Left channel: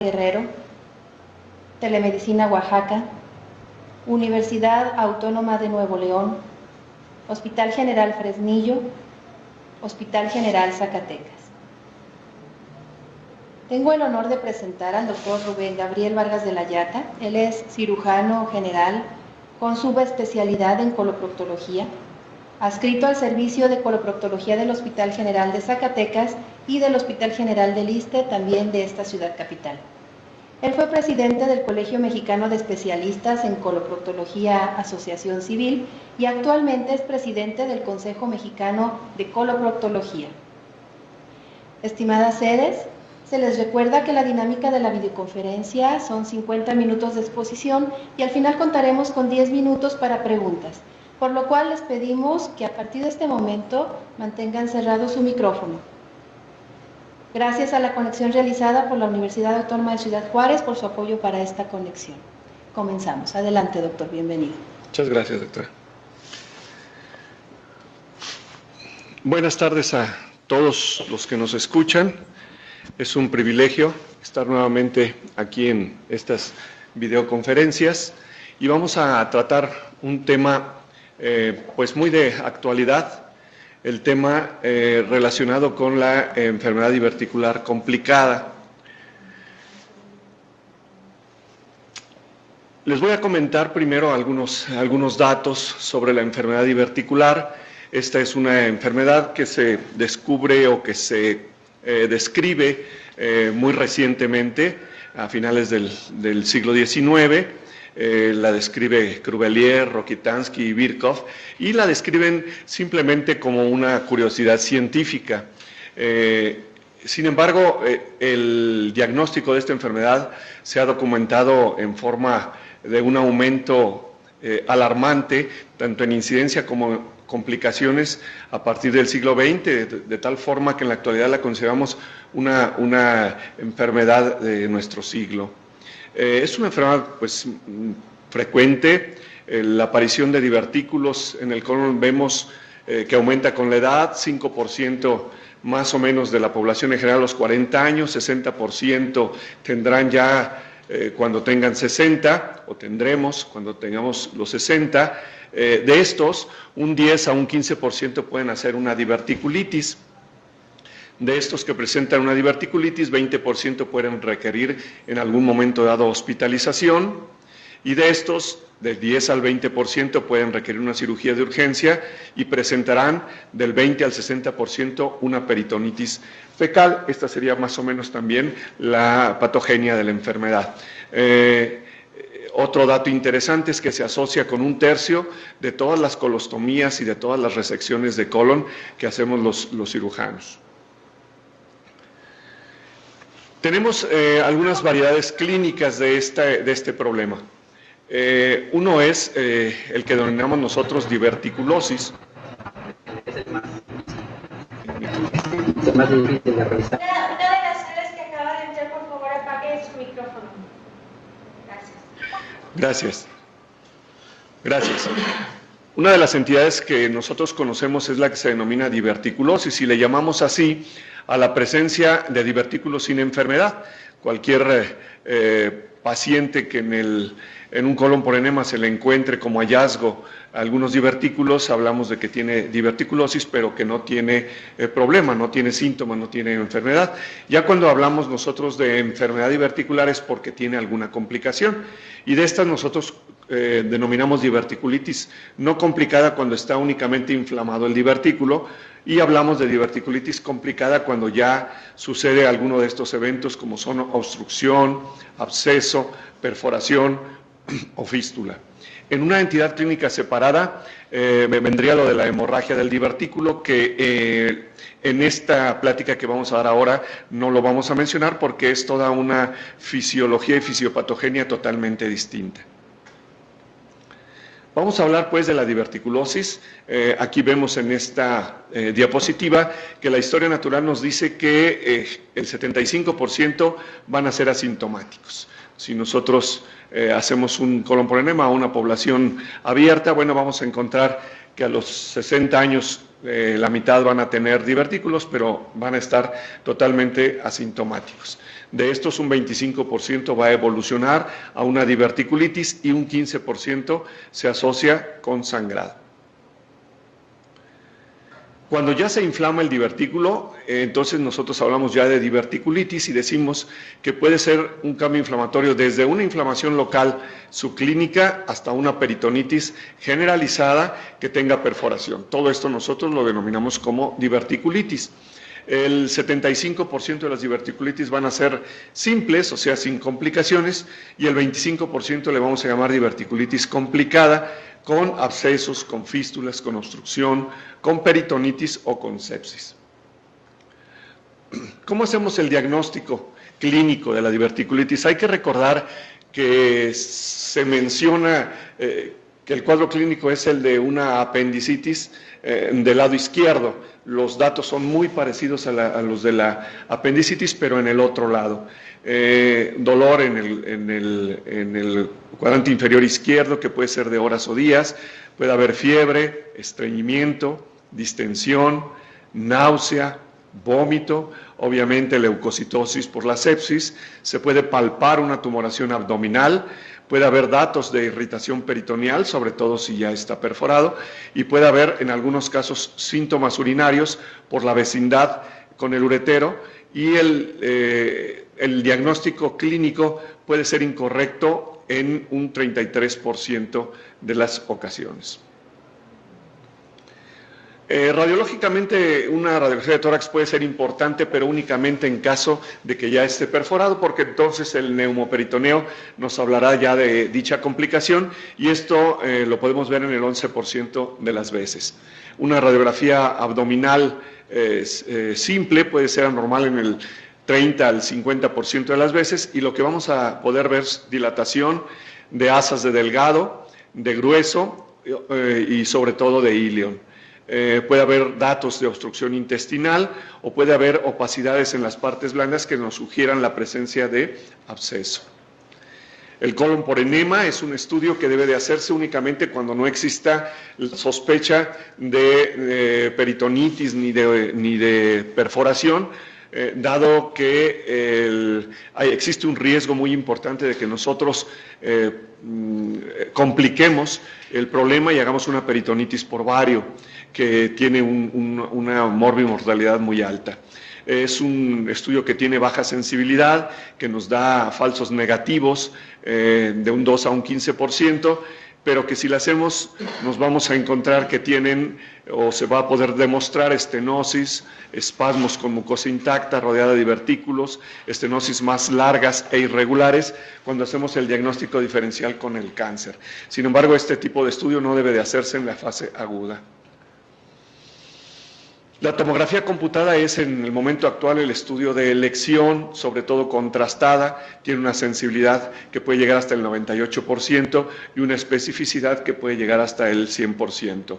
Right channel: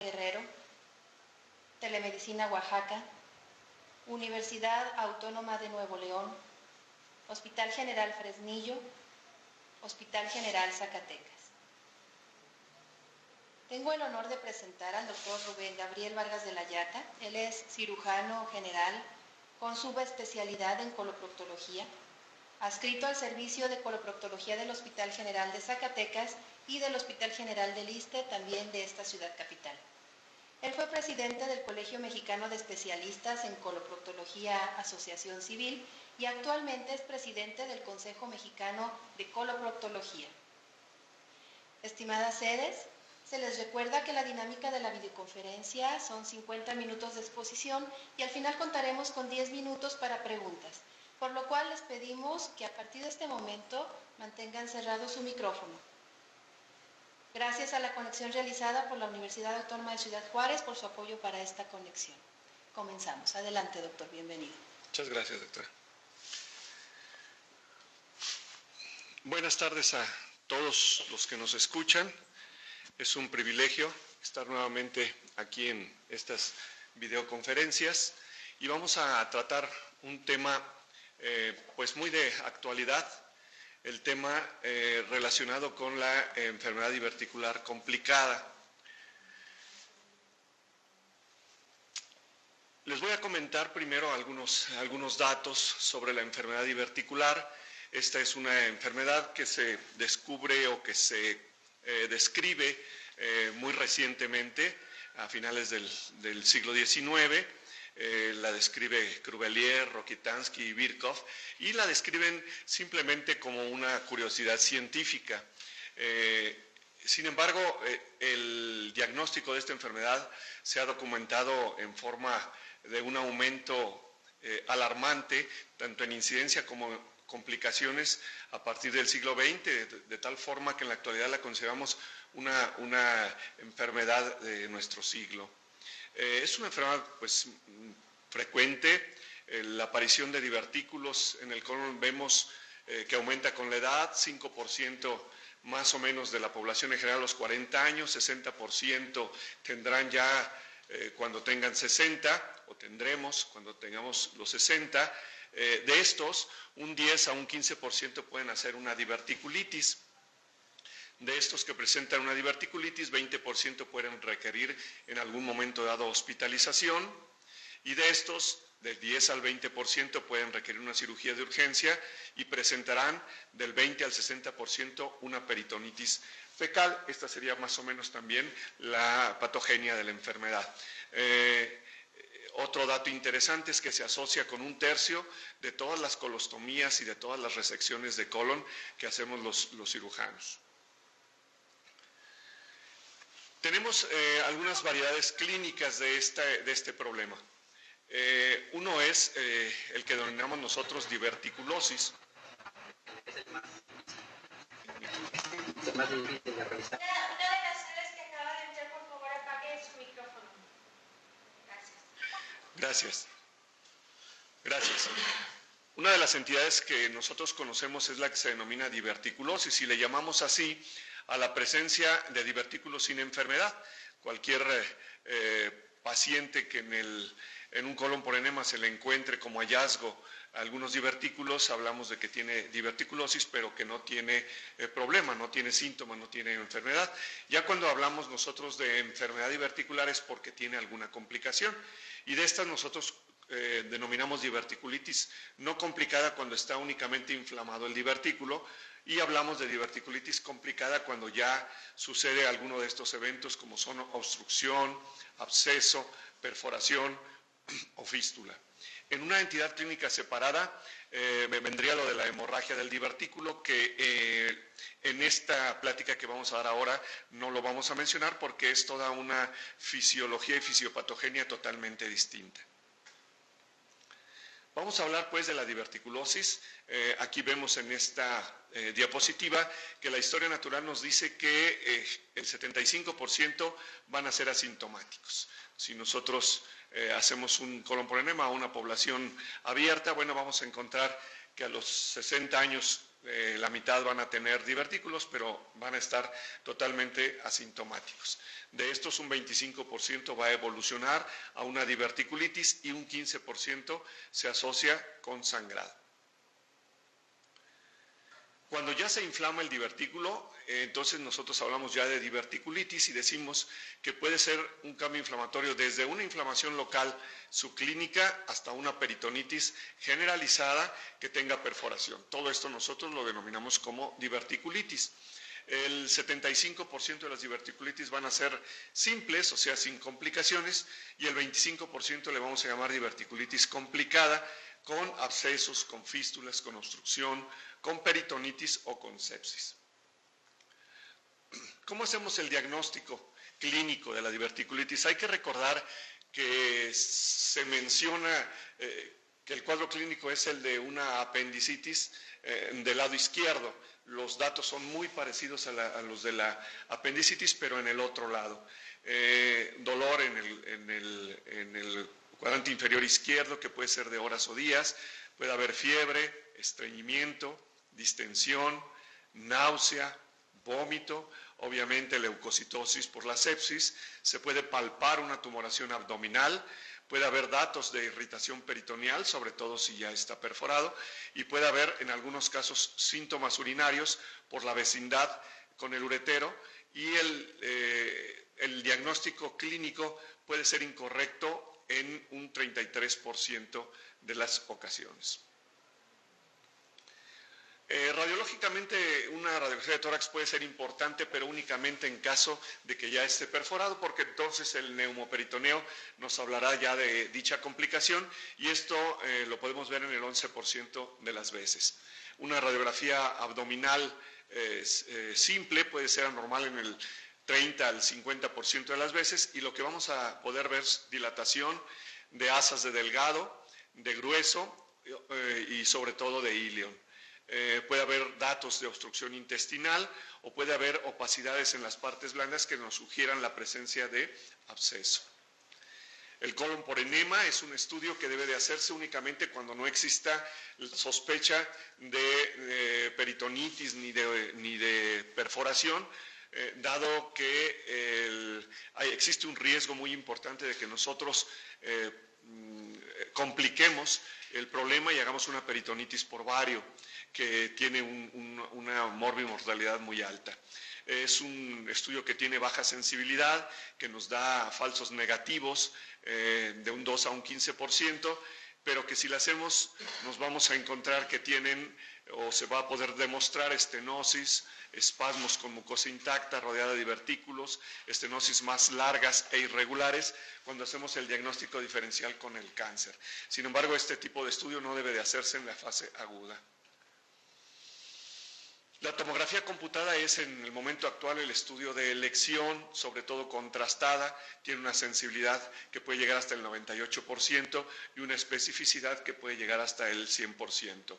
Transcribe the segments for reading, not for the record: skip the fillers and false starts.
Guerrero, Telemedicina Oaxaca, Universidad Autónoma de Nuevo León, Hospital General Fresnillo, Hospital General Zacatecas. Tengo el honor de presentar al doctor Rubén Gabriel Vargas de la Llata. Él es cirujano general con subespecialidad en coloproctología, adscrito al servicio de coloproctología del Hospital General de Zacatecas y del Hospital General del Iste, también de esta ciudad capital. Él fue presidente del Colegio Mexicano de Especialistas en Coloproctología Asociación Civil y actualmente es presidente del Consejo Mexicano de Coloproctología. Estimadas sedes, se les recuerda que la dinámica de la videoconferencia son 50 minutos de exposición y al final contaremos con 10 minutos para preguntas, por lo cual les pedimos que a partir de este momento mantengan cerrado su micrófono. Gracias a la conexión realizada por la Universidad Autónoma de Ciudad Juárez por su apoyo para esta conexión. Comenzamos. Adelante, doctor. Bienvenido. Muchas gracias, doctora. Buenas tardes a todos los que nos escuchan. Es un privilegio estar nuevamente aquí en estas videoconferencias y vamos a tratar un tema pues muy de actualidad. El tema relacionado con la enfermedad diverticular complicada. Les voy a comentar primero algunos datos sobre la enfermedad diverticular. Esta es una enfermedad que se descubre o que se describe muy recientemente, a finales del siglo XIX. La describe Crubelier, Rokitansky y Virchow, y la describen simplemente como una curiosidad científica. Sin embargo, el diagnóstico de esta enfermedad se ha documentado en forma de un aumento alarmante, tanto en incidencia como complicaciones a partir del siglo XX, de tal forma que en la actualidad la consideramos una enfermedad de nuestro siglo. Es una enfermedad pues, frecuente. La aparición de divertículos en el colon vemos que aumenta con la edad, 5% más o menos de la población en general a los 40 años, 60% tendrán ya cuando tengan 60, o tendremos cuando tengamos los 60. De estos, un 10 a un 15% pueden hacer una diverticulitis. De estos que presentan una diverticulitis, 20% pueden requerir en algún momento dado hospitalización, y de estos, del 10 al 20% pueden requerir una cirugía de urgencia y presentarán del 20 al 60% una peritonitis fecal. Esta sería más o menos también la patogenia de la enfermedad. Otro dato interesante es que se asocia con 1/3 de todas las colostomías y de todas las resecciones de colon que hacemos los cirujanos. Tenemos algunas variedades clínicas de este problema. Uno es el que denominamos nosotros diverticulosis. Es el más difícil de realizar. Una de las sedes que acaba de entrar, por favor, apague su micrófono. Gracias. Gracias. Una de las entidades que nosotros conocemos es la que se denomina diverticulosis y le llamamos así a la presencia de divertículos sin enfermedad. Cualquier paciente que en un colon por enema se le encuentre como hallazgo algunos divertículos, hablamos de que tiene diverticulosis, pero que no tiene problema, no tiene síntomas, no tiene enfermedad. Ya cuando hablamos nosotros de enfermedad diverticular es porque tiene alguna complicación, y de estas nosotros denominamos diverticulitis no complicada cuando está únicamente inflamado el divertículo, y hablamos de diverticulitis complicada cuando ya sucede alguno de estos eventos como son obstrucción, absceso, perforación o fístula. En una entidad clínica separada vendría lo de la hemorragia del divertículo, que en esta plática que vamos a dar ahora no lo vamos a mencionar porque es toda una fisiología y fisiopatogenia totalmente distinta. Vamos a hablar pues de la diverticulosis. Aquí vemos en esta diapositiva que la historia natural nos dice que el 75% van a ser asintomáticos. Si nosotros hacemos un colon por enema a una población abierta, bueno, vamos a encontrar que a los 60 años la mitad van a tener divertículos, pero van a estar totalmente asintomáticos. De estos, un 25% va a evolucionar a una diverticulitis y un 15% se asocia con sangrado. Cuando ya se inflama el divertículo, entonces nosotros hablamos ya de diverticulitis y decimos que puede ser un cambio inflamatorio desde una inflamación local subclínica hasta una peritonitis generalizada que tenga perforación. Todo esto nosotros lo denominamos como diverticulitis. El 75% de las diverticulitis van a ser simples, o sea, sin complicaciones, y el 25% le vamos a llamar diverticulitis complicada, con abscesos, con fístulas, con obstrucción, con peritonitis o con sepsis. ¿Cómo hacemos el diagnóstico clínico de la diverticulitis? Hay que recordar que se menciona que el cuadro clínico es el de una apendicitis del lado izquierdo. Los datos son muy parecidos a los de la apendicitis, pero en el otro lado. Dolor en el cuadrante inferior izquierdo, que puede ser de horas o días, puede haber fiebre, estreñimiento, distensión, náusea, vómito, obviamente leucocitosis por la sepsis, se puede palpar una tumoración abdominal, puede haber datos de irritación peritoneal, sobre todo si ya está perforado, y puede haber en algunos casos síntomas urinarios por la vecindad con el uretero, y el diagnóstico clínico puede ser incorrecto en un 33% de las ocasiones. Radiológicamente, una radiografía de tórax puede ser importante, pero únicamente en caso de que ya esté perforado, porque entonces el neumoperitoneo nos hablará ya de dicha complicación, y esto lo podemos ver en el 11% de las veces. Una radiografía abdominal simple puede ser anormal en el 30 al 50% de las veces, y lo que vamos a poder ver es dilatación de asas de delgado, de grueso y sobre todo de ilion. Puede haber datos de obstrucción intestinal o puede haber opacidades en las partes blandas que nos sugieran la presencia de absceso. El colon por enema es un estudio que debe de hacerse únicamente cuando no exista sospecha de peritonitis ni de perforación, dado que existe un riesgo muy importante de que nosotros compliquemos el problema y hagamos una peritonitis por vario, que tiene una morbimortalidad muy alta. Es un estudio que tiene baja sensibilidad, que nos da falsos negativos de un 2 a un 15%, pero que si lo hacemos nos vamos a encontrar que tienen o se va a poder demostrar estenosis, espasmos con mucosa intacta rodeada de divertículos, estenosis más largas e irregulares cuando hacemos el diagnóstico diferencial con el cáncer. Sin embargo, este tipo de estudio no debe de hacerse en la fase aguda. La tomografía computada es en el momento actual el estudio de elección, sobre todo contrastada, tiene una sensibilidad que puede llegar hasta el 98% y una especificidad que puede llegar hasta el 100%.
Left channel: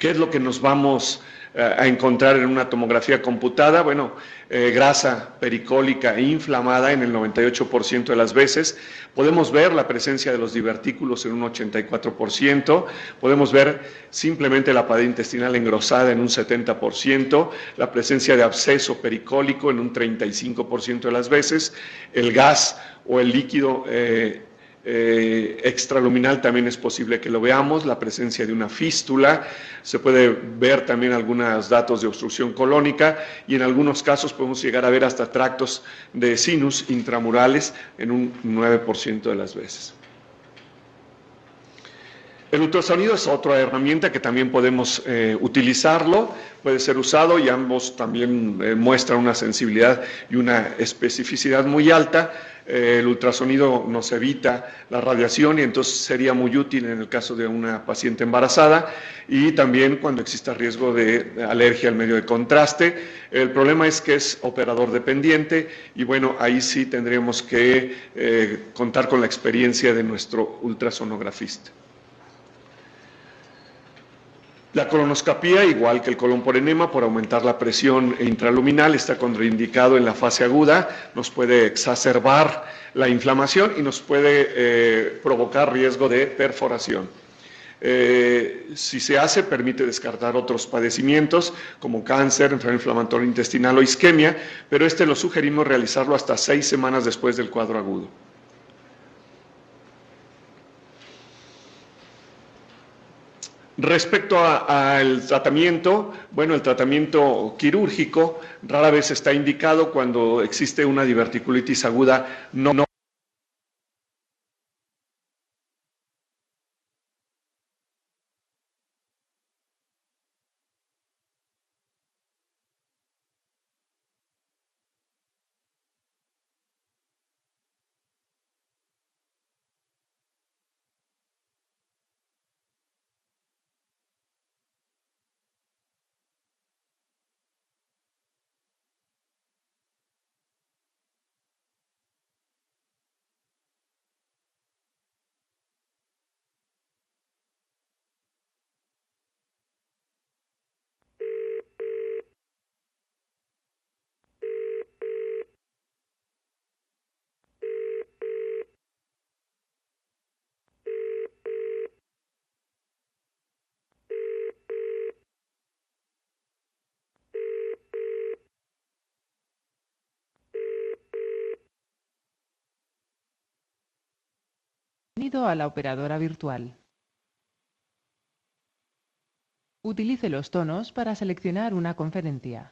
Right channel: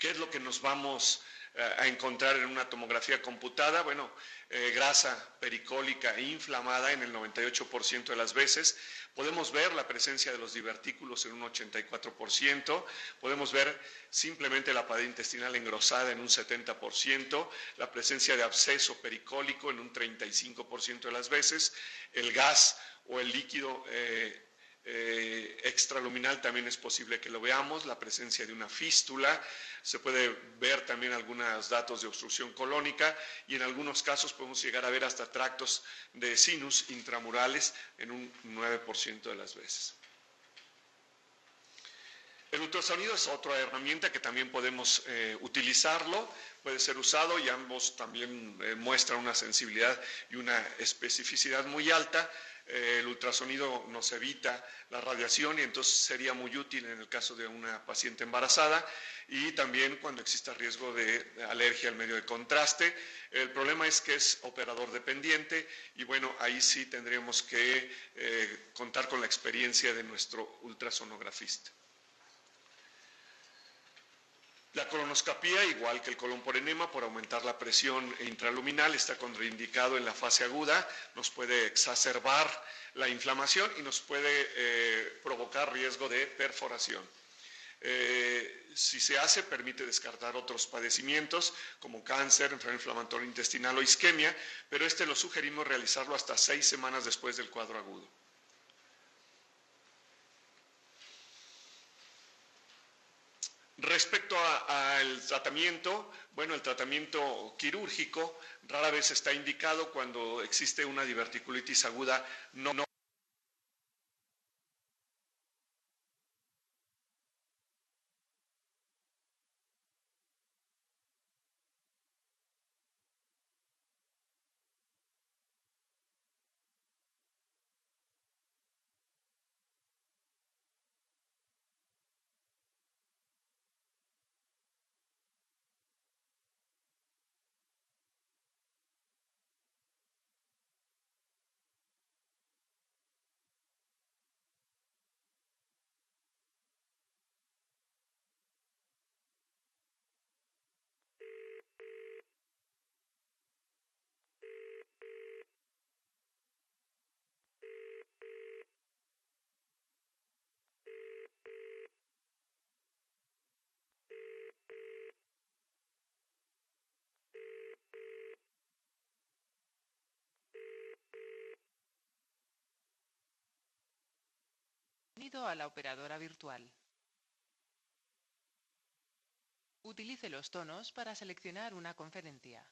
¿Qué es lo que nos vamos a encontrar en una tomografía computada? Bueno, grasa pericólica e inflamada en el 98% de las veces. Podemos ver la presencia de los divertículos en un 84%, podemos ver simplemente la pared intestinal engrosada en un 70%, la presencia de absceso pericólico en un 35% de las veces, el gas o el líquido extraluminal también es posible que lo veamos, la presencia de una fístula, se puede ver también algunos datos de obstrucción colónica y en algunos casos podemos llegar a ver hasta tractos de sinus intramurales en un 9% de las veces. El ultrasonido es otra herramienta que también podemos utilizarlo, puede ser usado y ambos también muestran una sensibilidad y una especificidad muy alta. El ultrasonido nos evita la radiación y entonces sería muy útil en el caso de una paciente embarazada y también cuando exista riesgo de alergia al medio de contraste. El problema es que es operador dependiente y bueno, ahí sí tendríamos que contar con la experiencia de nuestro ultrasonografista. La colonoscopía, igual que el colon por enema, por aumentar la presión intraluminal, está contraindicado en la fase aguda, nos puede exacerbar la inflamación y nos puede provocar riesgo de perforación. Si se hace, permite descartar otros padecimientos como cáncer, enfermedad inflamatoria intestinal o isquemia, pero lo sugerimos realizarlo hasta 6 semanas después del cuadro agudo. Respecto al tratamiento, bueno, el tratamiento quirúrgico rara vez está indicado cuando existe una diverticulitis aguda no Bienvenido a la operadora virtual. Utilice los tonos para seleccionar una conferencia.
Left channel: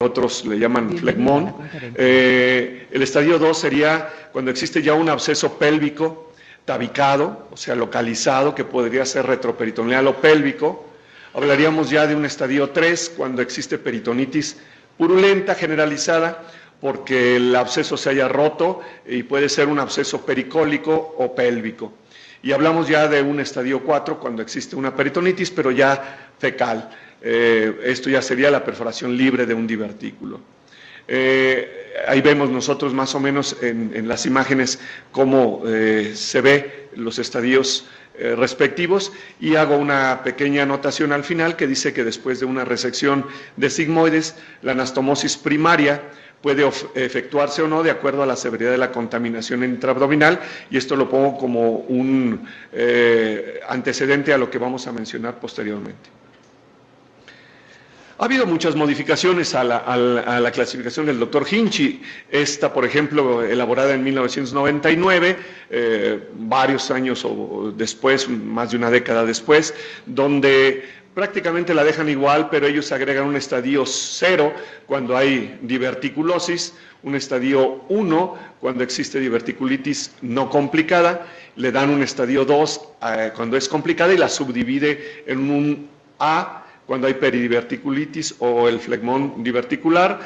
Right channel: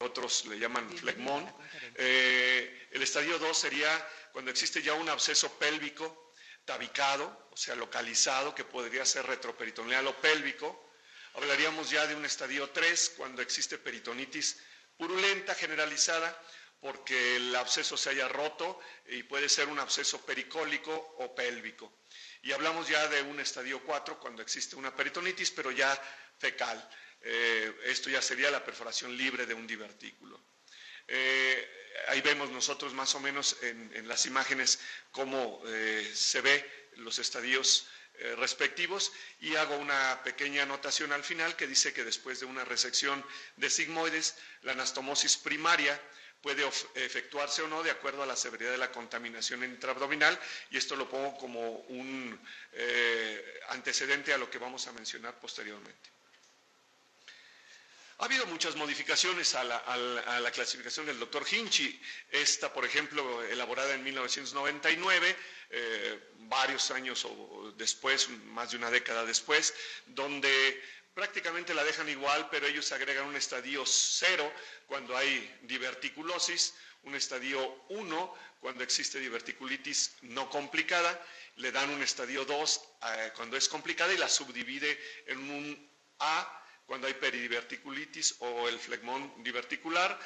Otros le llaman flegmón. El estadio 2 sería cuando existe ya un absceso pélvico tabicado, o sea, localizado, que podría ser retroperitoneal o pélvico. Hablaríamos ya de un estadio 3 cuando existe peritonitis purulenta generalizada, porque el absceso se haya roto y puede ser un absceso pericólico o pélvico. Y hablamos ya de un estadio 4 cuando existe una peritonitis, pero ya fecal. Esto ya sería la perforación libre de un divertículo. Ahí vemos nosotros más o menos en las imágenes cómo se ve los estadios respectivos, y hago una pequeña anotación al final que dice que después de una resección de sigmoides, la anastomosis primaria puede efectuarse o no de acuerdo a la severidad de la contaminación intraabdominal, y esto lo pongo como un antecedente a lo que vamos a mencionar posteriormente. Ha habido muchas modificaciones a la clasificación del doctor Hinchey. Esta, por ejemplo, elaborada en 1999, varios años después, más de una década después, donde prácticamente la dejan igual, pero ellos agregan un estadio 0 cuando hay diverticulosis, un estadio 1 cuando existe diverticulitis no complicada, le dan un estadio 2 cuando es complicada y la subdivide en un A cuando hay peridiverticulitis o el flegmón diverticular,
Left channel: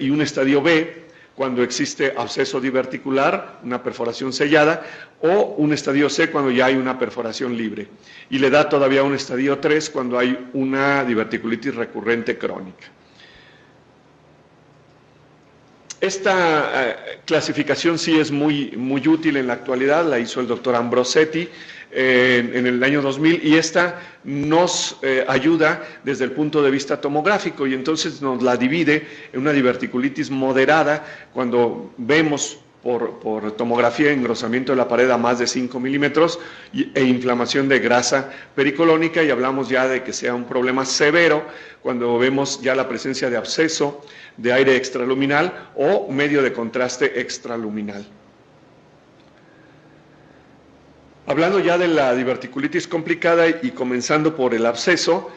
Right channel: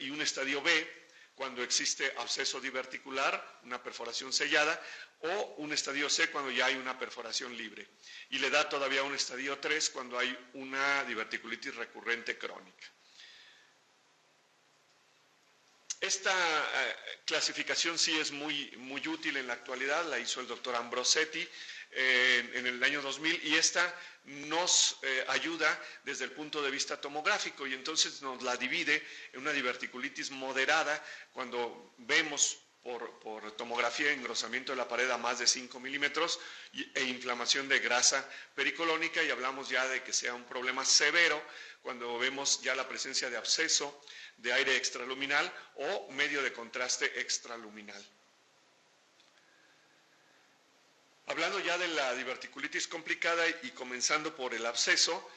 y un estadio B cuando existe absceso diverticular, una perforación sellada, o un estadio C cuando ya hay una perforación libre. Y le da todavía un estadio 3 cuando hay una diverticulitis recurrente crónica. Esta clasificación sí es muy útil en la actualidad, la hizo el doctor Ambrosetti en el año 2000, y esta nos ayuda desde el punto de vista tomográfico, y entonces nos la divide en una diverticulitis moderada cuando vemos por tomografía engrosamiento de la pared a más de 5 milímetros e inflamación de grasa pericolónica, y hablamos ya de que sea un problema severo cuando vemos ya la presencia de absceso de aire extraluminal o medio de contraste extraluminal. Hablando ya de la diverticulitis complicada y comenzando por el absceso,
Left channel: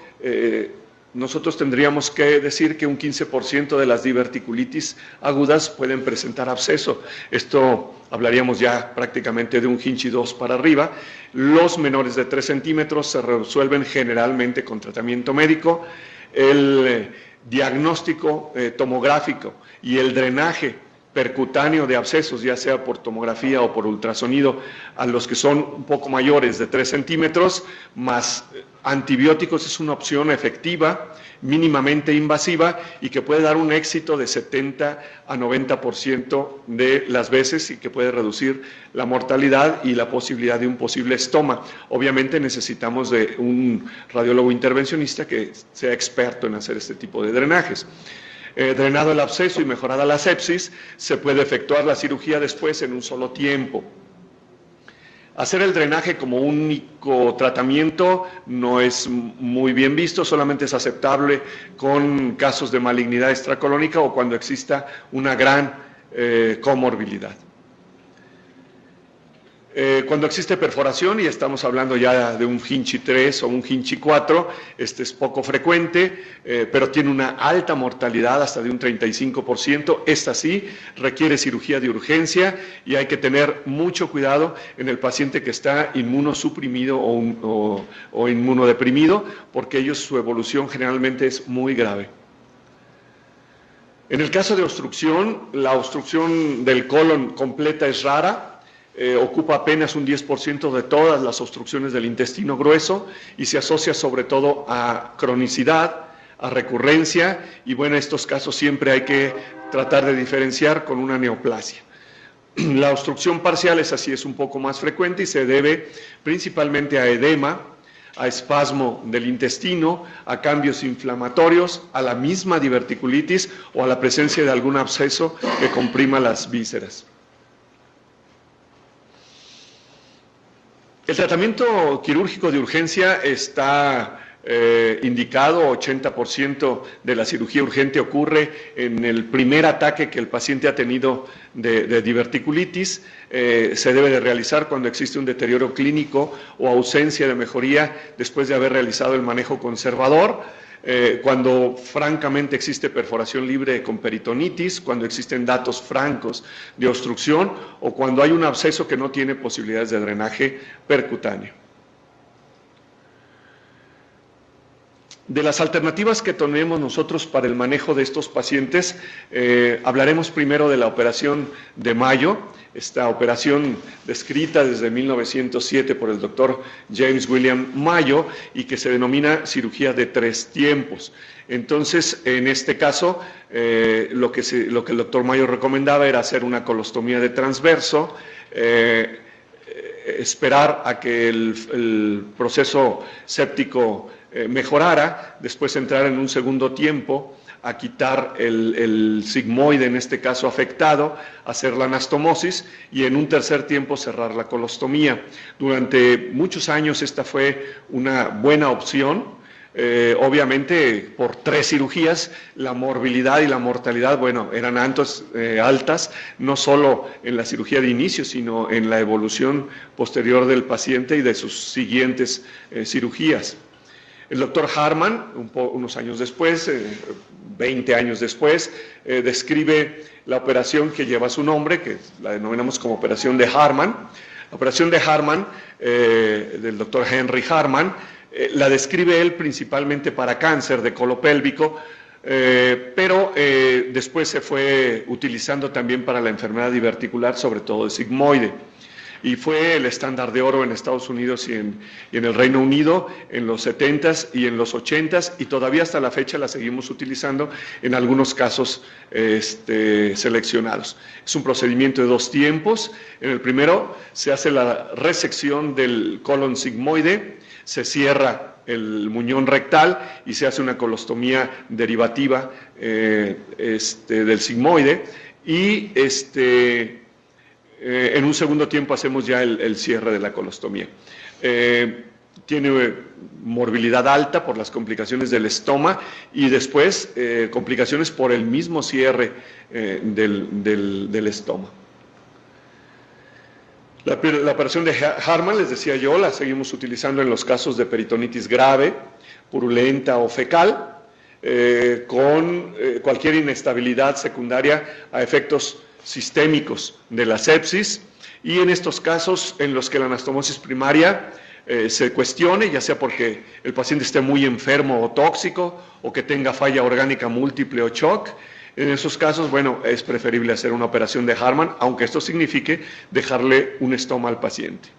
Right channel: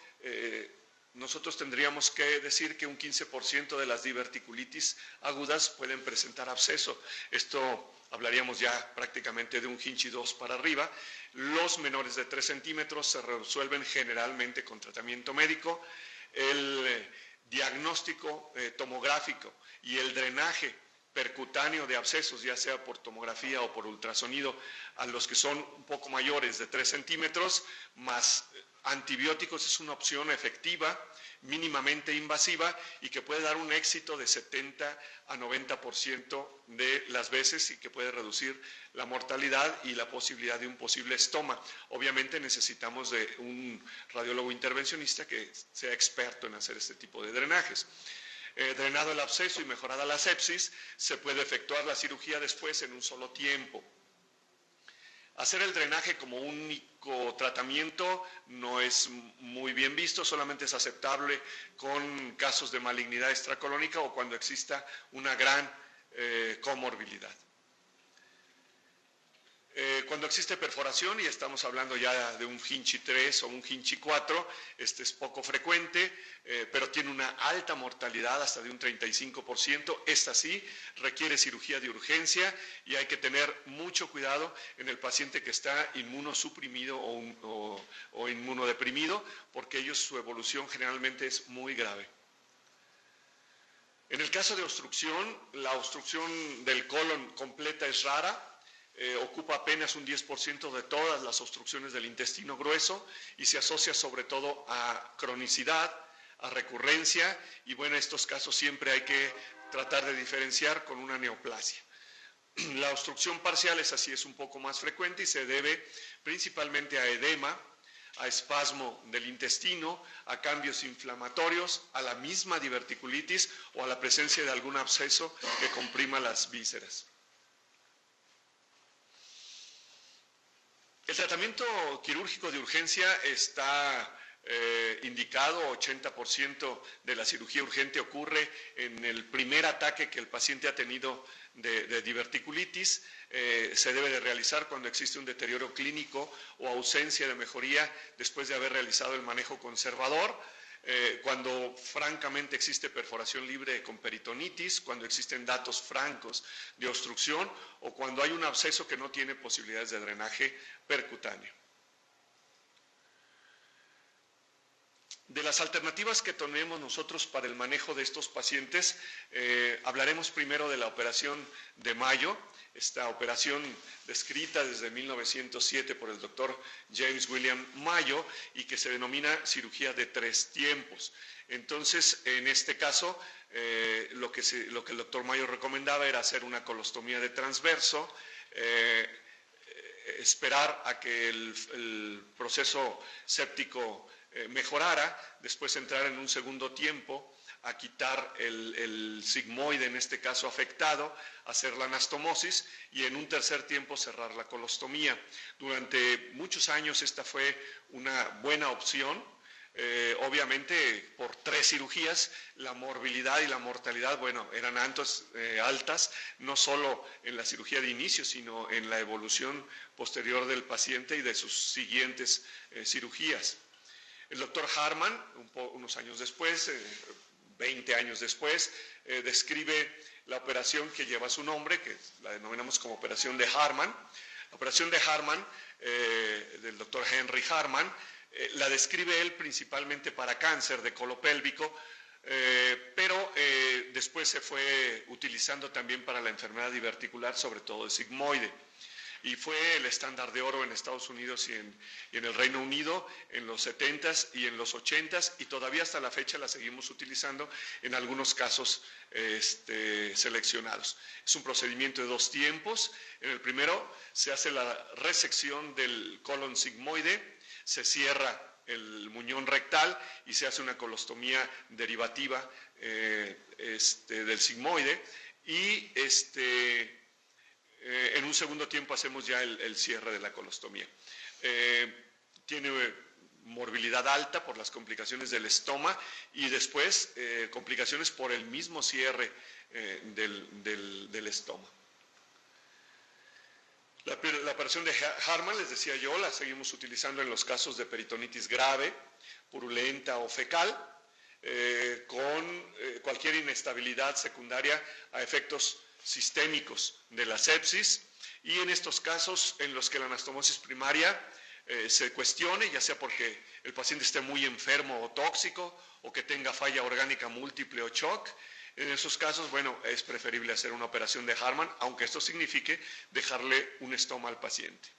nosotros tendríamos que decir que un 15% de las diverticulitis agudas pueden presentar absceso. Esto hablaríamos ya prácticamente de un Hinchey 2 para arriba. Los menores de 3 centímetros se resuelven generalmente con tratamiento médico. El diagnóstico tomográfico y el drenaje percutáneo de abscesos, ya sea por tomografía o por ultrasonido, a los que son un poco mayores de 3 centímetros, más antibióticos, es una opción efectiva, mínimamente invasiva y que puede dar un éxito de 70 a 90% de las veces y que puede reducir la mortalidad y la posibilidad de un posible estoma. Obviamente necesitamos de un radiólogo intervencionista que sea experto en hacer este tipo de drenajes. Drenado el absceso y mejorada la sepsis, se puede efectuar la cirugía después en un solo tiempo. Hacer el drenaje como único tratamiento no es muy bien visto, solamente es aceptable con casos de malignidad extracolónica o cuando exista una gran comorbilidad. Cuando existe perforación, y estamos hablando ya de un Hinchi 3 o un Hinchi 4, este es poco frecuente, pero tiene una alta mortalidad, hasta de un 35%. Esta sí requiere cirugía de urgencia y hay que tener mucho cuidado en el paciente que está inmunosuprimido o inmunodeprimido, porque ellos, su evolución generalmente es muy grave. En el caso de obstrucción, la obstrucción del colon completa es rara. Ocupa apenas un 10% de todas las obstrucciones del intestino grueso y se asocia sobre todo a cronicidad, a recurrencia y bueno, en estos casos siempre hay que tratar de diferenciar con una neoplasia. La obstrucción parcial es un poco más frecuente y se debe principalmente a edema, a espasmo del intestino, a cambios inflamatorios, a la misma diverticulitis o a la presencia de algún absceso que comprima las vísceras. El tratamiento quirúrgico de urgencia está indicado, 80% de la cirugía urgente ocurre en el primer ataque que el paciente ha tenido de diverticulitis. Se debe de realizar cuando existe un deterioro clínico o ausencia de mejoría después de haber realizado el manejo conservador. Cuando francamente existe perforación libre con peritonitis, cuando existen datos francos de obstrucción o cuando hay un absceso que no tiene posibilidades de drenaje percutáneo. De las alternativas que tenemos nosotros para el manejo de estos pacientes, hablaremos primero de la operación de Mayo, esta operación descrita desde 1907 por el doctor James William Mayo y que se denomina cirugía de 3 tiempos. Entonces, en este caso, lo que el doctor Mayo recomendaba era hacer una colostomía de transverso, esperar a que el proceso séptico mejorara, después entrar en un segundo tiempo a quitar el sigmoide, en este caso afectado, hacer la anastomosis y en un tercer tiempo cerrar la colostomía. Durante muchos años esta fue una buena opción. Obviamente por 3 cirugías la morbilidad y la mortalidad, bueno, eran altas, no solo en la cirugía de inicio, sino en la evolución posterior del paciente y de sus siguientes cirugías. El doctor Harman, unos años después, 20 años después, describe la operación que lleva su nombre, que la denominamos como operación de Harman. La operación de Harman, del doctor Henry Harman, la describe él principalmente para cáncer de colopélvico, pero después se fue utilizando también para la enfermedad diverticular, sobre todo de sigmoide. Y fue el estándar de oro en Estados Unidos y en el Reino Unido en los 70s y en los 80s y todavía hasta la fecha la seguimos utilizando en algunos casos seleccionados. Es un procedimiento de 2 tiempos. En el primero se hace la resección del colon sigmoide, se cierra el muñón rectal y se hace una colostomía derivativa del sigmoide y en un segundo tiempo hacemos ya el cierre de la colostomía. Tiene morbilidad alta por las complicaciones del estoma y después complicaciones por el mismo cierre del estoma. La operación de Harman, les decía yo, la seguimos utilizando en los casos de peritonitis grave, purulenta o fecal, con cualquier inestabilidad secundaria a efectos sistémicos de la sepsis y en estos casos en los que la anastomosis primaria se cuestione, ya sea porque el paciente esté muy enfermo o tóxico o que tenga falla orgánica múltiple o shock, En esos casos, bueno, es preferible hacer una operación de Hartmann, aunque esto signifique dejarle un estoma al paciente.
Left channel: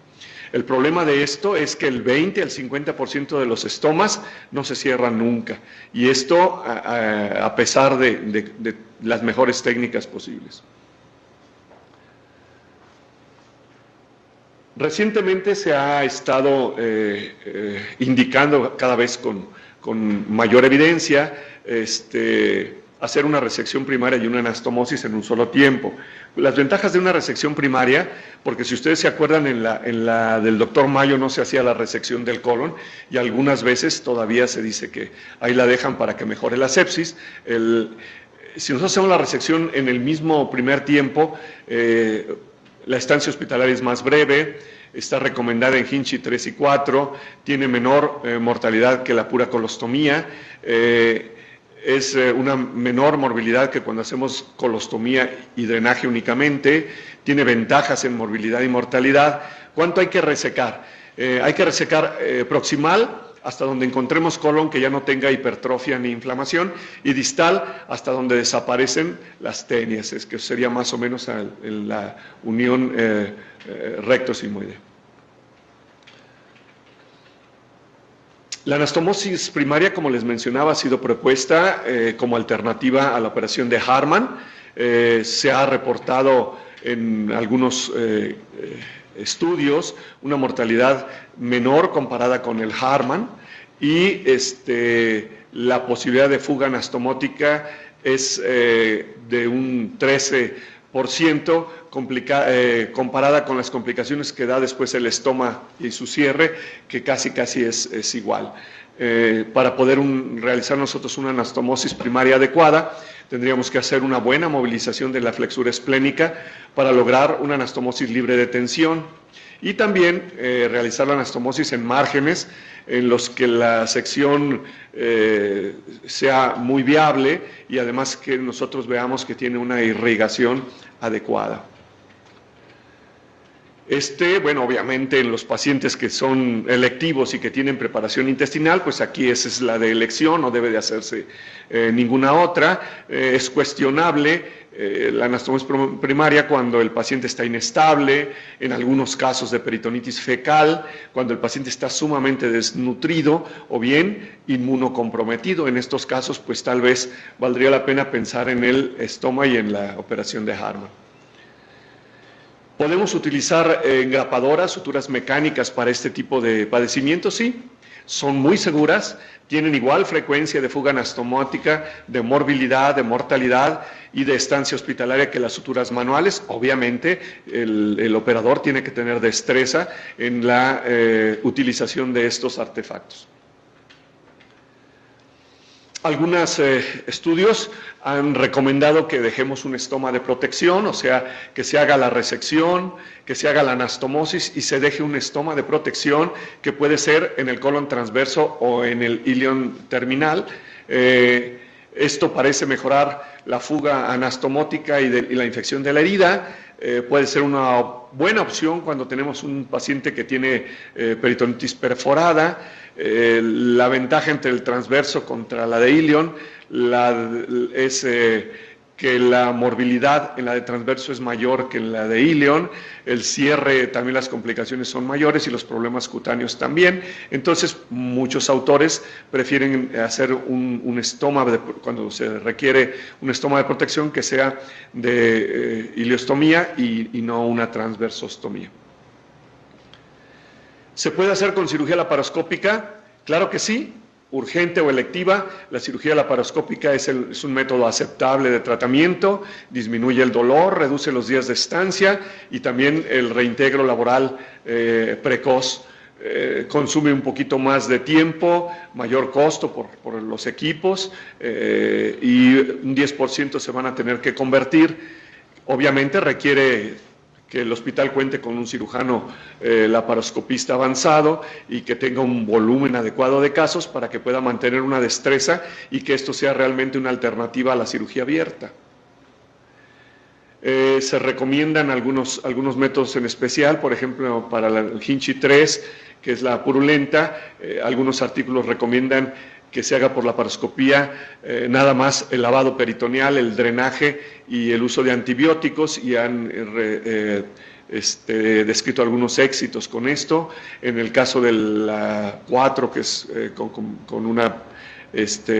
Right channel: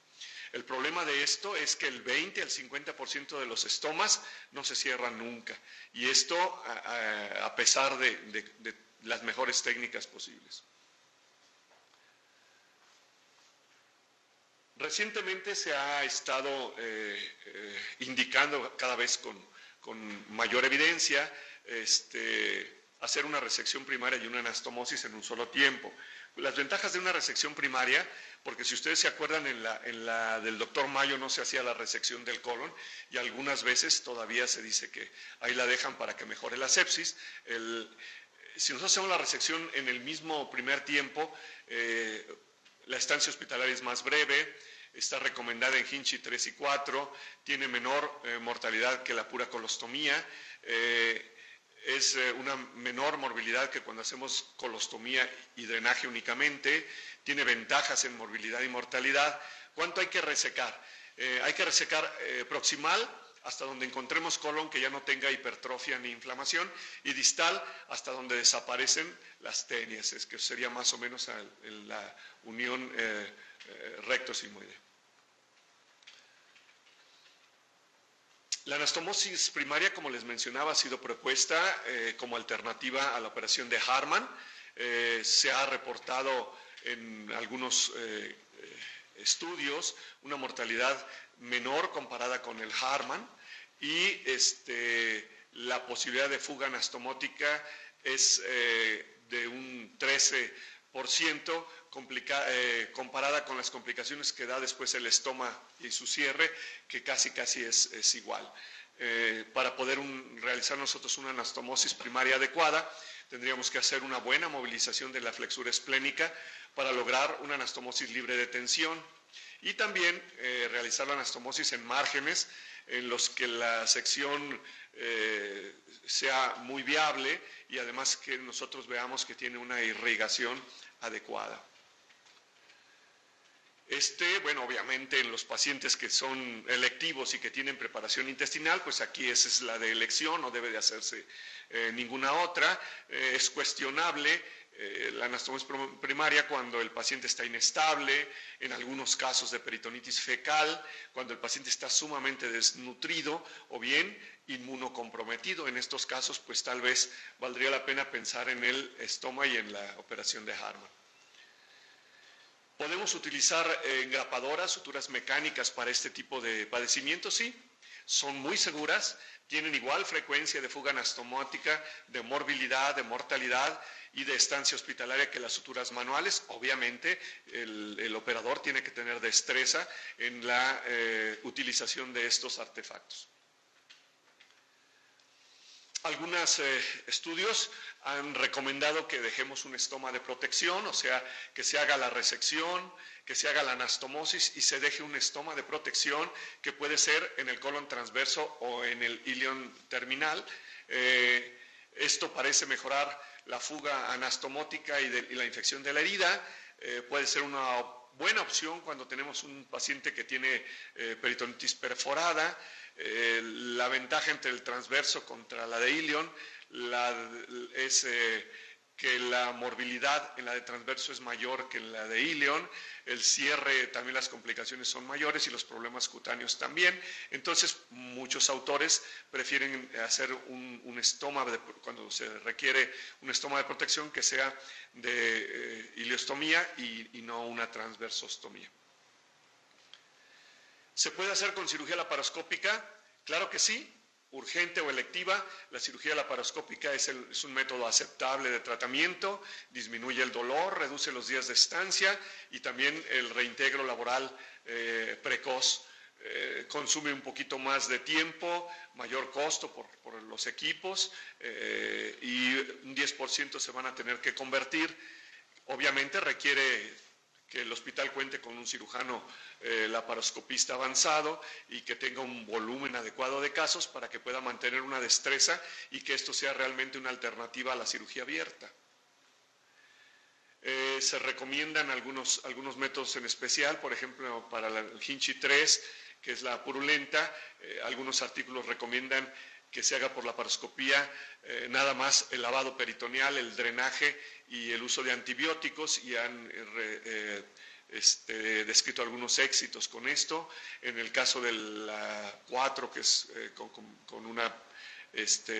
El problema de esto es que el 20 al 50% de los estomas no se cierran nunca, y esto a pesar de las mejores técnicas posibles. Recientemente se ha estado indicando cada vez con mayor evidencia hacer una resección primaria y una anastomosis en un solo tiempo. Las ventajas de una resección primaria, porque si ustedes se acuerdan, en la del doctor Mayo no se hacía la resección del colon, y algunas veces todavía se dice que ahí la dejan para que mejore la sepsis. Si nosotros hacemos la resección en el mismo primer tiempo, la estancia hospitalaria es más breve, está recomendada en Hinchey 3 y 4, tiene menor mortalidad que la pura colostomía, es una menor morbilidad que cuando hacemos colostomía y drenaje únicamente, tiene ventajas en morbilidad y mortalidad. ¿Cuánto hay que resecar? Hay que resecar proximal hasta donde encontremos colon que ya no tenga hipertrofia ni inflamación, y distal hasta donde desaparecen las tenias, es que sería más o menos en la unión recto-sigmoidea. La anastomosis primaria, como les mencionaba, ha sido propuesta como alternativa a la operación de Hartmann. Se ha reportado en algunos estudios una mortalidad menor comparada con el Hartmann, y la posibilidad de fuga anastomótica es de un 13%, comparada con las complicaciones que da después el estoma y su cierre, que casi es igual. Para poder realizar nosotros una anastomosis primaria adecuada, tendríamos que hacer una buena movilización de la flexura esplénica para lograr una anastomosis libre de tensión, y también realizar la anastomosis en márgenes en los que la sección sea muy viable, y además que nosotros veamos que tiene una irrigación adecuada. Bueno, obviamente en los pacientes que son electivos y que tienen preparación intestinal, pues aquí esa es la de elección, no debe de hacerse ninguna otra. Es cuestionable la anastomosis primaria cuando el paciente está inestable, en algunos casos de peritonitis fecal, cuando el paciente está sumamente desnutrido o bien inmunocomprometido. En estos casos, pues tal vez valdría la pena pensar en el estoma y en la operación de Hartmann. ¿Podemos utilizar engrapadoras, suturas mecánicas para este tipo de padecimientos? Sí, son muy seguras, tienen igual frecuencia de fuga anastomótica, de morbilidad, de mortalidad y de estancia hospitalaria que las suturas manuales. Obviamente, el operador tiene que tener destreza en la utilización de estos artefactos. Algunos estudios han recomendado que dejemos un estoma de protección, o sea, que se haga la resección, que se haga la anastomosis y se deje un estoma de protección que puede ser en el colon transverso o en el ilion terminal. Esto parece mejorar la fuga anastomótica y la infección de la herida. Puede ser una buena opción cuando tenemos un paciente que tiene peritonitis perforada. La ventaja entre el transverso contra la de ilion es que la morbilidad en la de transverso es mayor que en la de ilion, el cierre también, las complicaciones son mayores y los problemas cutáneos también. Entonces muchos autores prefieren hacer un estoma, cuando se requiere un estoma de protección, que sea de iliostomía y no una transversostomía. ¿Se puede hacer con cirugía laparoscópica? Claro que sí, urgente o electiva. La cirugía laparoscópica es un método aceptable de tratamiento, disminuye el dolor, reduce los días de estancia y también el reintegro laboral precoz. Consume un poquito más de tiempo, mayor costo por los equipos y un 10% se van a tener que convertir. Obviamente requiere que el hospital cuente con un cirujano laparoscopista avanzado y que tenga un volumen adecuado de casos para que pueda mantener una destreza y que esto sea realmente una alternativa a la cirugía abierta. Se recomiendan algunos métodos en especial, por ejemplo, para el Hinchey 3, que es la purulenta. Algunos artículos recomiendan que se haga por laparoscopía nada más el lavado peritoneal, el drenaje y el uso de antibióticos, y han descrito algunos éxitos con esto. En el caso de la 4, que es con una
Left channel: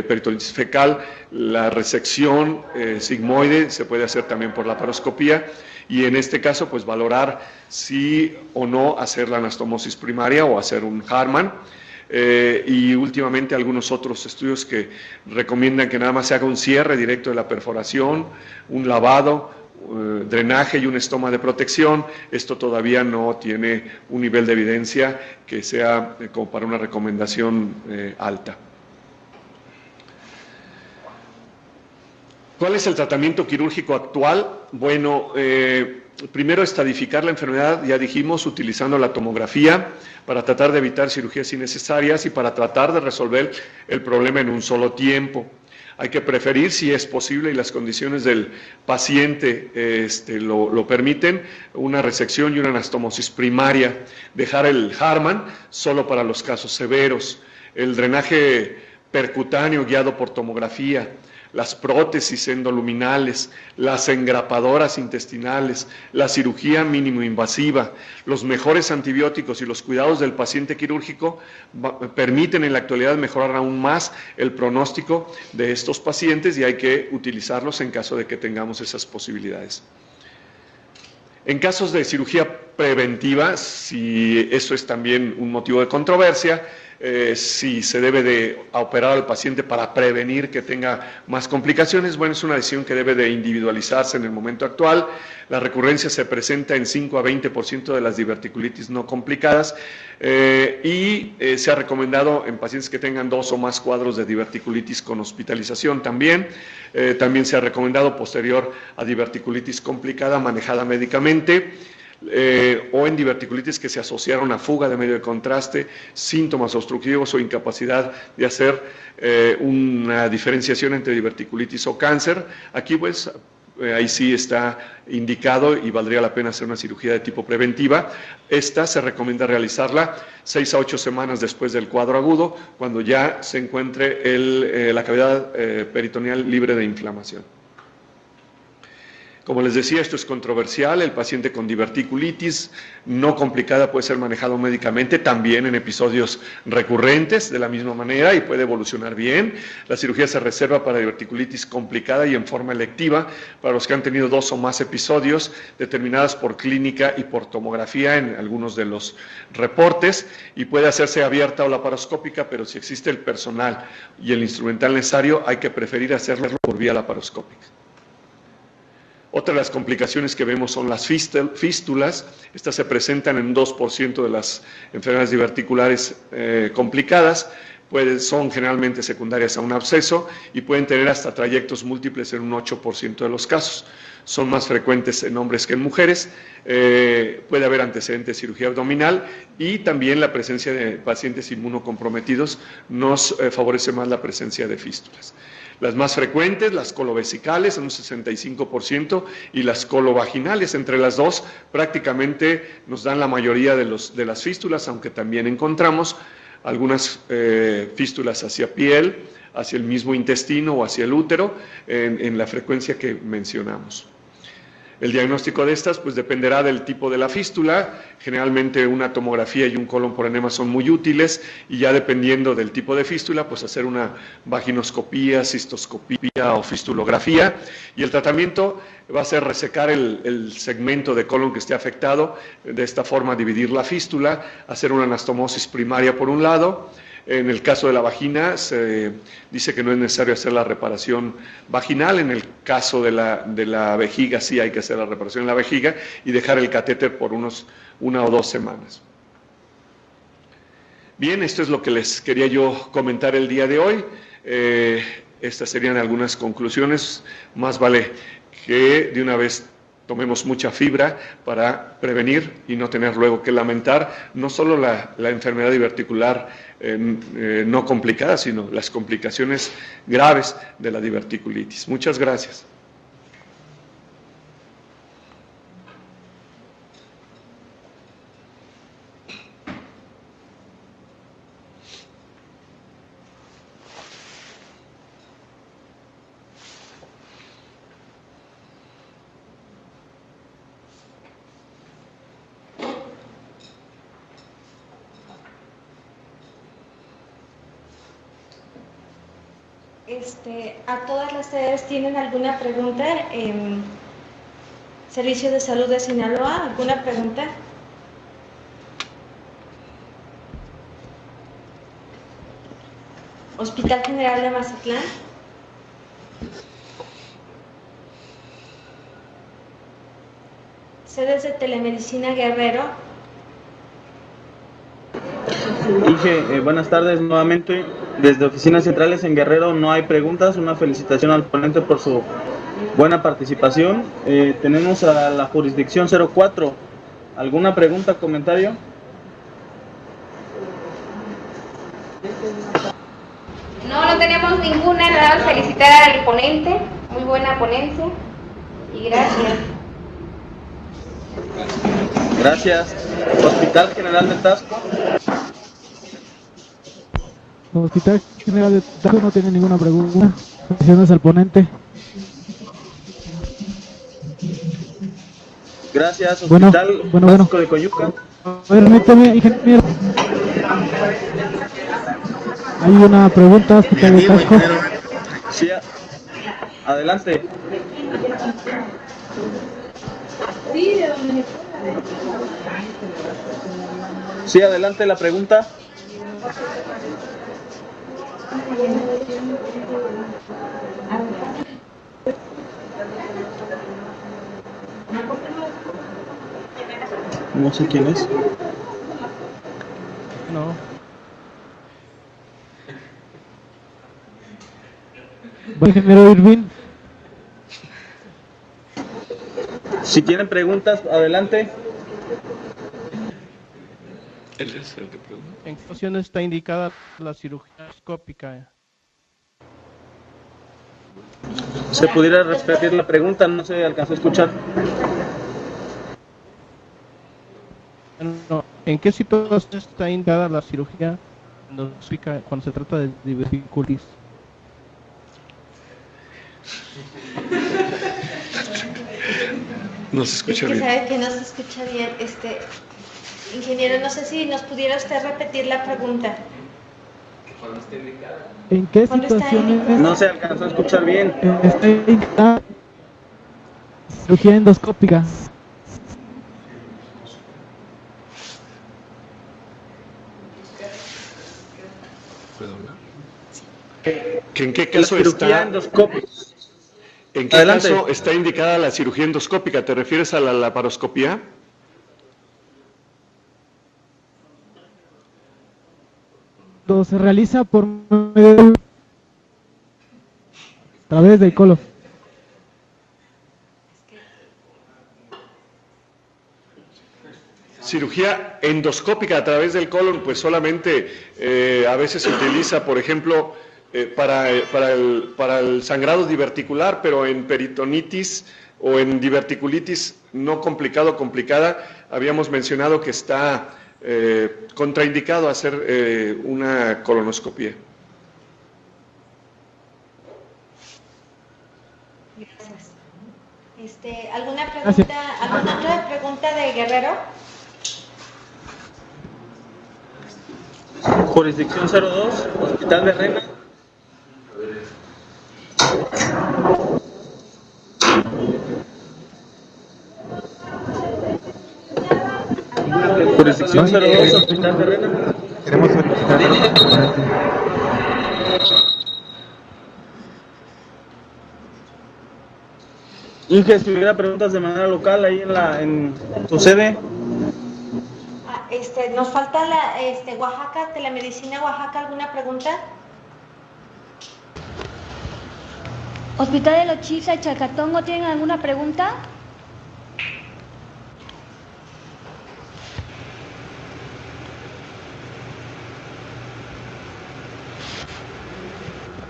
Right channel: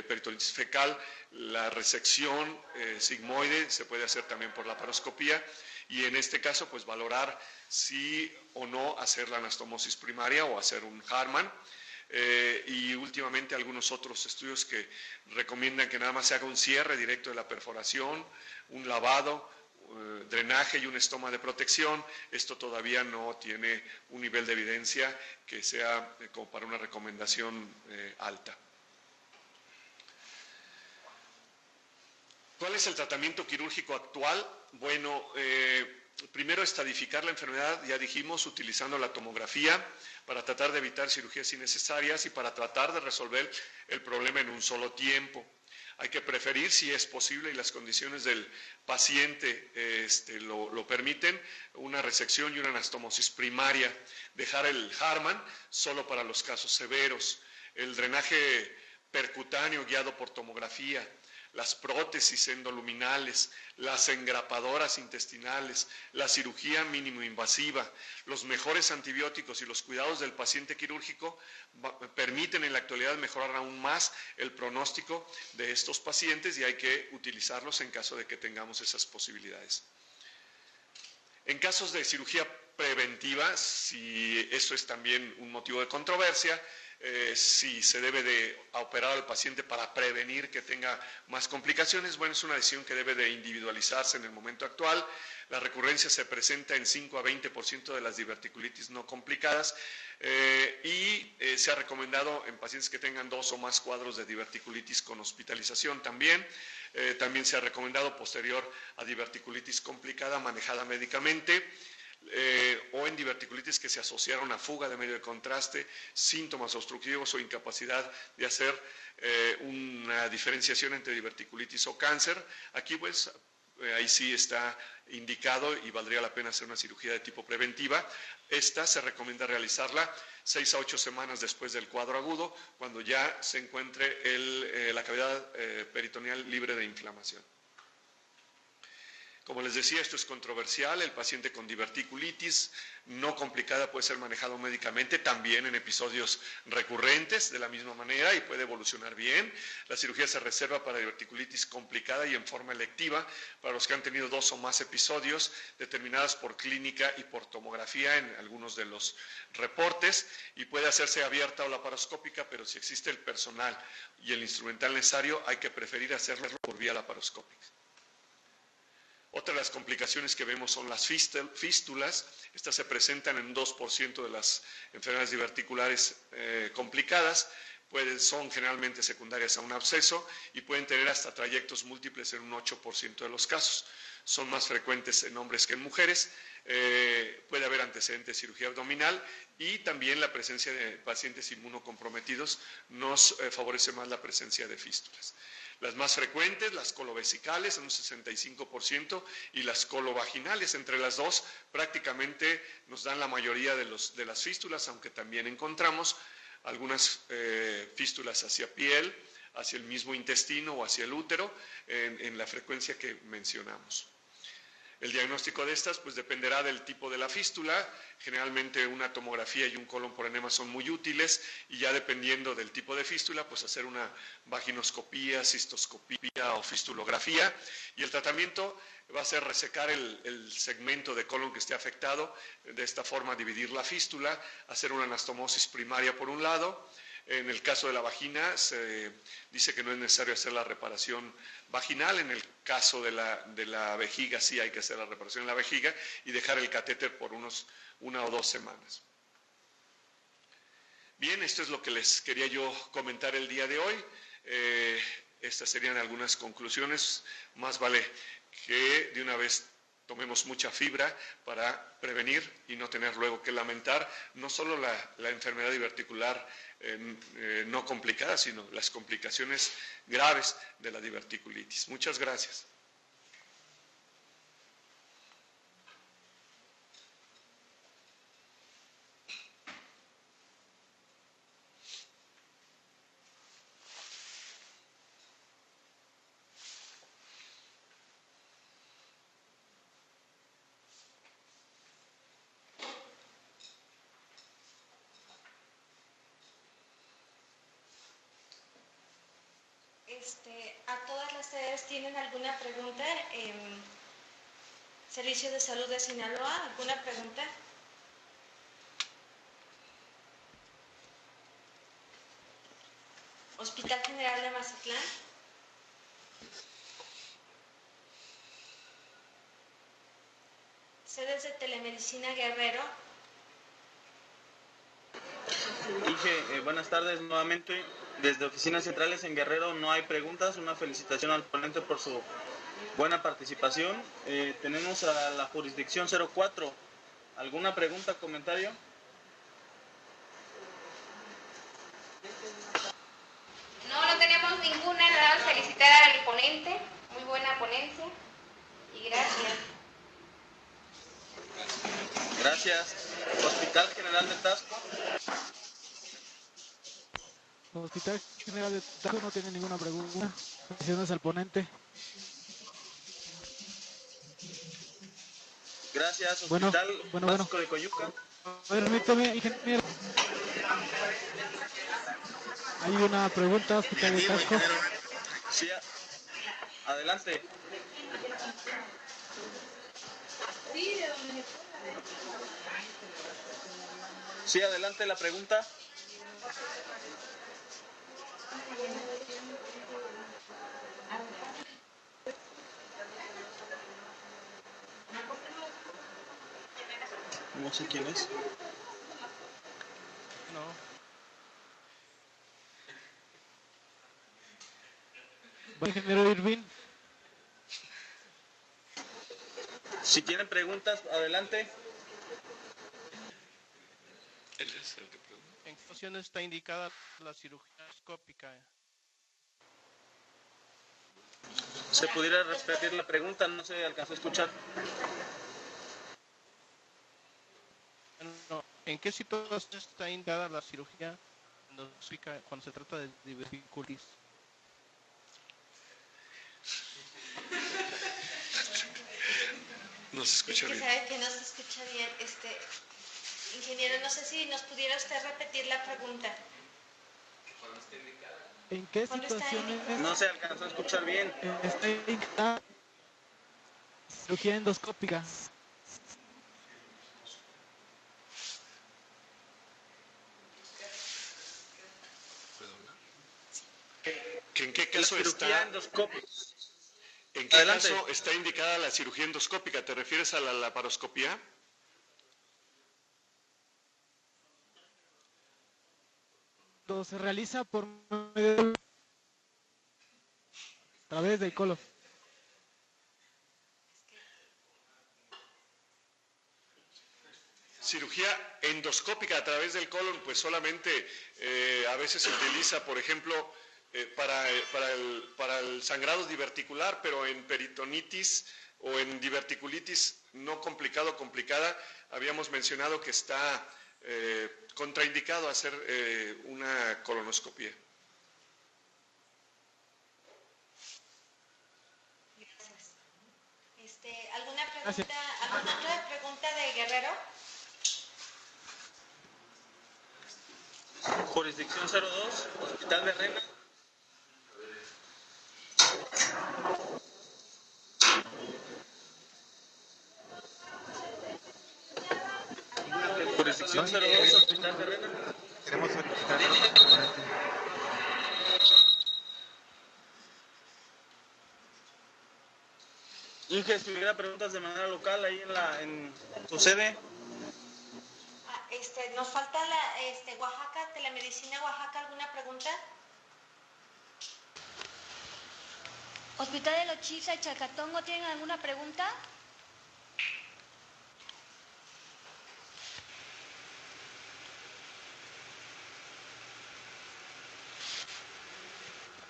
peritonitis fecal, la resección sigmoide se puede hacer también por laparoscopía, y en este caso pues valorar si o no hacer la anastomosis primaria o hacer un Harman. Y últimamente algunos otros estudios que recomiendan que nada más se haga un cierre directo de la perforación, un lavado, drenaje y un estoma de protección. Esto todavía no tiene un nivel de evidencia que sea como para una recomendación alta. ¿Cuál es el tratamiento quirúrgico actual? Bueno, primero estadificar la enfermedad, ya dijimos, utilizando la tomografía para tratar de evitar cirugías innecesarias y para tratar de resolver el problema en un solo tiempo. Hay que preferir, si es posible y las condiciones del paciente lo permiten, una resección y una anastomosis primaria. Dejar el Harman solo para los casos severos. El drenaje percutáneo guiado por tomografía, las prótesis endoluminales, las engrapadoras intestinales, la cirugía mínimo invasiva, los mejores antibióticos y los cuidados del paciente quirúrgico permiten en la actualidad mejorar aún más el pronóstico de estos pacientes, y hay que utilizarlos en caso de que tengamos esas posibilidades. En casos de cirugía preventiva, si eso es también un motivo de controversia, si se debe de operar al paciente para prevenir que tenga más complicaciones, bueno, es una decisión que debe de individualizarse en el momento actual. La recurrencia se presenta en 5 a 20% de las diverticulitis no complicadas, y se ha recomendado en pacientes que tengan 2 o más cuadros de diverticulitis con hospitalización también. También se ha recomendado posterior a diverticulitis complicada manejada médicamente, o en diverticulitis que se asociaron a fuga de medio de contraste, síntomas obstructivos o incapacidad de hacer una diferenciación entre diverticulitis o cáncer. Aquí pues ahí sí está indicado y valdría la pena hacer una cirugía de tipo preventiva. Esta se recomienda realizarla 6 a 8 semanas después del cuadro agudo, cuando ya se encuentre la cavidad peritoneal libre de inflamación. Como les decía, esto es controversial. El paciente con diverticulitis no complicada puede ser manejado médicamente también en episodios recurrentes de la misma manera y puede evolucionar bien. La cirugía se reserva para diverticulitis complicada y en forma electiva para los que han tenido 2 o más episodios determinadas por clínica y por tomografía en algunos de los reportes, y puede hacerse abierta o laparoscópica, pero si existe el personal y el instrumental necesario, hay que preferir hacerlo por vía laparoscópica. Otra de las complicaciones que vemos son las fístulas. Estas se presentan en un 2% de las enfermedades diverticulares complicadas. Son generalmente secundarias a un absceso y pueden tener hasta trayectos múltiples en un 8% de los casos. Son más frecuentes en hombres que en mujeres. Puede haber antecedentes de cirugía abdominal, y también la presencia de pacientes inmunocomprometidos nos favorece más la presencia de fístulas. Las más frecuentes, las colovesicales en un 65%, y las colovaginales, entre las dos prácticamente nos dan la mayoría de las fístulas, aunque también encontramos algunas fístulas hacia piel, hacia el mismo intestino o hacia el útero en la frecuencia que mencionamos. El diagnóstico de estas pues dependerá del tipo de la fístula. Generalmente una tomografía y un colon por enema son muy útiles, y ya dependiendo del tipo de fístula pues hacer una vaginoscopía, cistoscopía o fistulografía, y el tratamiento va a ser resecar el segmento de colon que esté afectado, de esta forma dividir la fístula, hacer una anastomosis primaria por un lado. En el caso de la vagina se dice que no es necesario hacer la reparación vaginal. En el caso de la vejiga sí hay que hacer la reparación en la vejiga y dejar el catéter por 1 o 2 semanas. Bien, esto es lo que les quería yo comentar el día de hoy. Estas serían algunas conclusiones. Más vale que de una vez tomemos mucha fibra para prevenir y no tener luego que lamentar no solo la enfermedad diverticular no complicada, sino las complicaciones graves de la diverticulitis. Muchas gracias. ¿A todas las sedes tienen alguna pregunta? Servicio de Salud de Sinaloa, ¿alguna pregunta? Hospital General de Mazatlán. Sedes de Telemedicina Guerrero. Dije, buenas tardes nuevamente. Desde Oficinas Centrales en Guerrero no hay preguntas. Una felicitación al ponente por su buena participación. Tenemos a la jurisdicción 04. ¿Alguna pregunta, comentario? No tenemos ninguna, nada más felicitar al ponente, muy buena ponencia y gracias. Gracias. Hospital General de Tasco. Hospital General de Tasco no tiene ninguna pregunta. Gracias al ponente. Gracias. Hospital Básico de Coyuca. Permíteme, ingeniero. Hay una pregunta, Hospital de Tasco. Sí, adelante. Sí, adelante la pregunta. No sé quién es. No. Ingeniero Irving. Si tienen preguntas, adelante. Él es el que pregunta. ¿En qué ocasión está indicada la cirugía endoscópica? ¿Se pudiera repetir la pregunta? No se alcanzó a escuchar. No, ¿en qué situación está indicada la cirugía endoscópica cuando se trata de diverticulitis? No se escucha bien. Sabe que no se escucha bien. Ingeniero, no sé si nos pudiera usted repetir la pregunta. ¿En qué situaciones No se alcanzó a escuchar bien. está indicada cirugía endoscópica? ¿Puedo hablar? ¿En qué caso está? ¿En qué caso está indicada la cirugía endoscópica? ¿Te refieres a la laparoscopía? Se realiza por medio a través del colon. Cirugía endoscópica a través del colon, pues solamente a veces se utiliza, por ejemplo, para el sangrado diverticular, pero en peritonitis o en diverticulitis no complicada, habíamos mencionado que está contraindicado hacer una colonoscopia. Gracias. ¿Alguna pregunta, alguna otra pregunta de Guerrero? Jurisdicción 02, Hospital de Rena. Jurisdicción 02, Hospital de Rena. Queremos solicitar Inge, si hubiera preguntas de manera local ahí en tu sede. Nos falta Oaxaca, Telemedicina Oaxaca, ¿alguna pregunta? Hospital de Lochiza y Chalcatongo, ¿tienen alguna pregunta?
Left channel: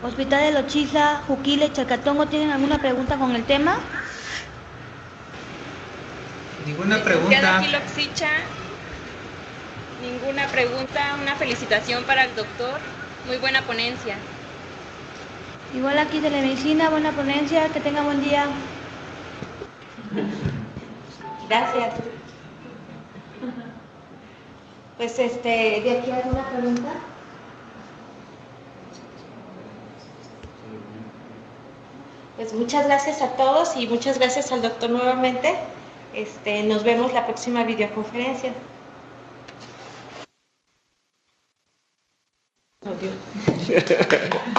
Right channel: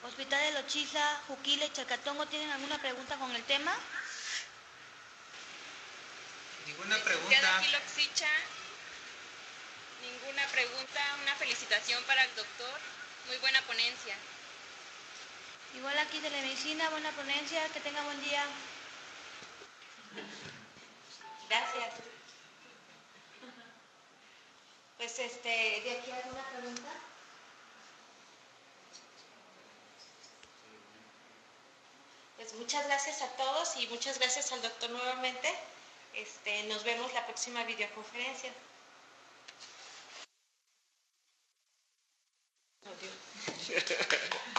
Hospital de Lochiza, Juquila y Chalcatongo, ¿tienen alguna pregunta con el tema? Ninguna pregunta. Ninguna pregunta, una felicitación para el doctor, muy buena ponencia. Igual aquí Telemedicina, buena ponencia, que tenga buen día. Gracias. Pues ¿de aquí alguna pregunta? Pues muchas gracias a todos y muchas gracias al doctor nuevamente. Nos vemos la próxima videoconferencia. Adiós.